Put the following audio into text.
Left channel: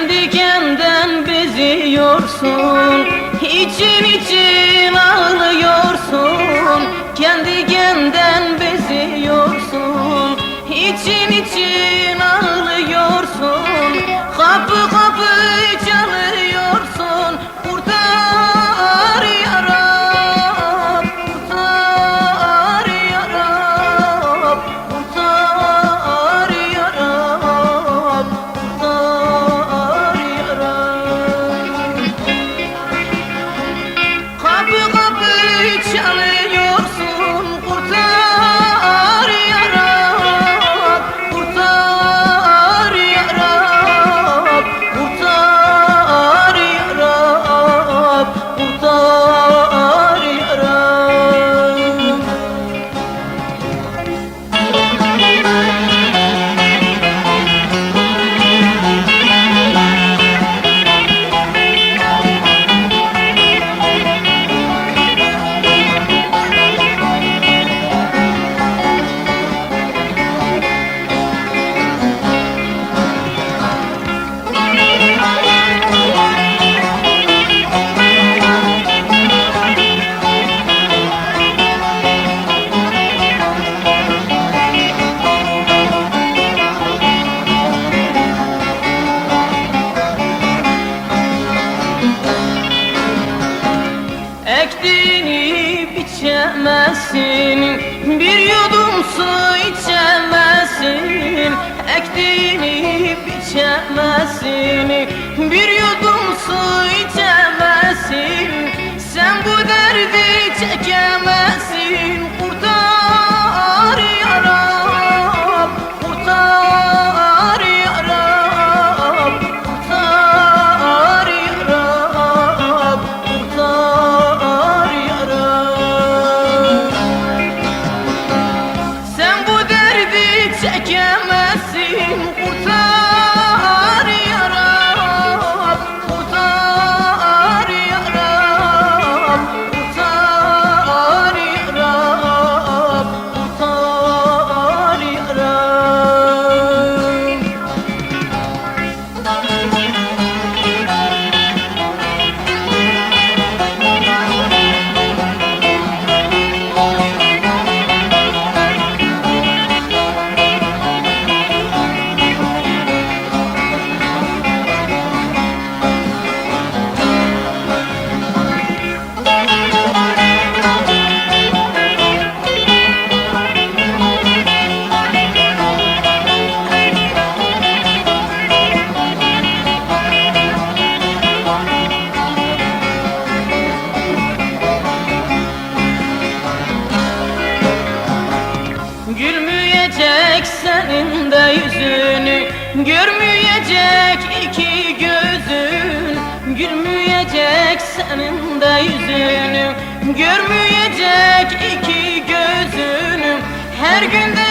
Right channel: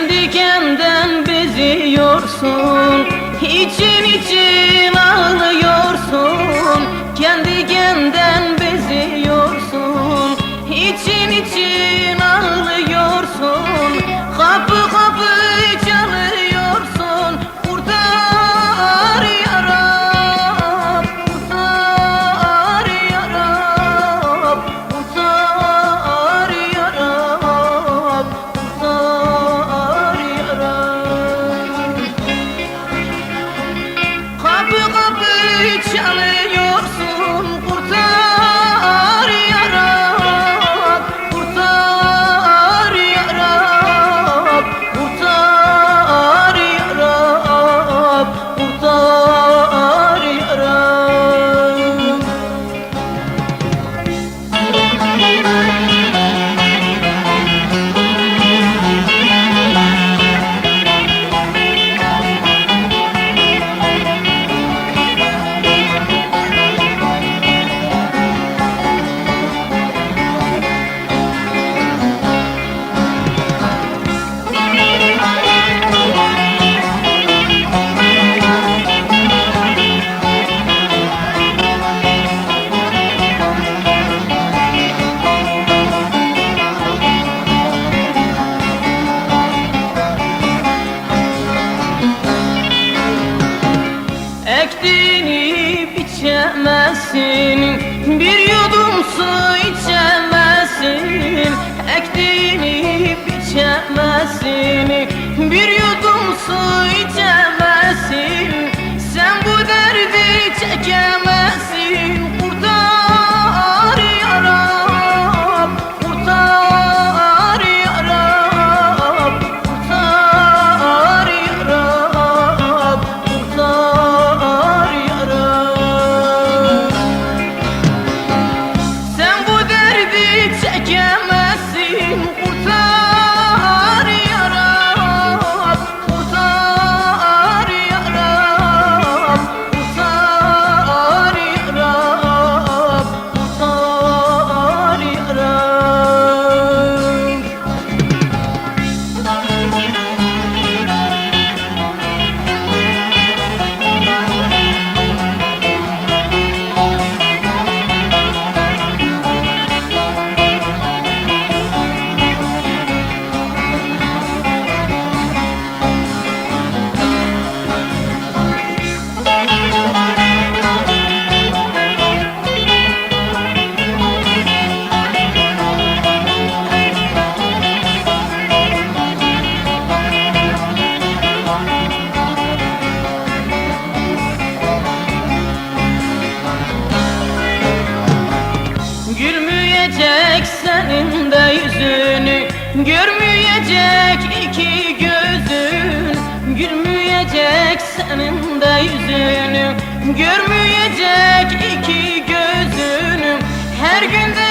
Kendi kendinden beziyorsun, için için ağlıyorsun. Kendi kendinden beziyorsun, için için ağlıyorsun. Kapı kapı çalıyorsun, kurtar ya Rab, kurtar ya Rab, kurtar ya Rab, kurtar ya Rab. Kapı kapı çalıyorsun, kurtar ya Rab, kurtar ya Rab, kurtar ya Rab, kurtar ya Rab. Ektiğini biçemezsin, bir yudum su içemezsin. Ektiğini biçemezsin, bir yudum su içemezsin. Sen bu derdi çekemezsin, kurtar ya Rab, kurtar ya Rab, kurtar ya Rab, kurtar ya Rab. Sen bu derdi çekemezsin, kurtar ya Rab, kurtar ya Rab, kurtar ya Rab, kurtar ya Rab. Gülmeyecek senin de yüzünü, görmeyecek iki gözün. Gülmeyecek senin de yüzünü, görmeyecek iki gözünü. Her günde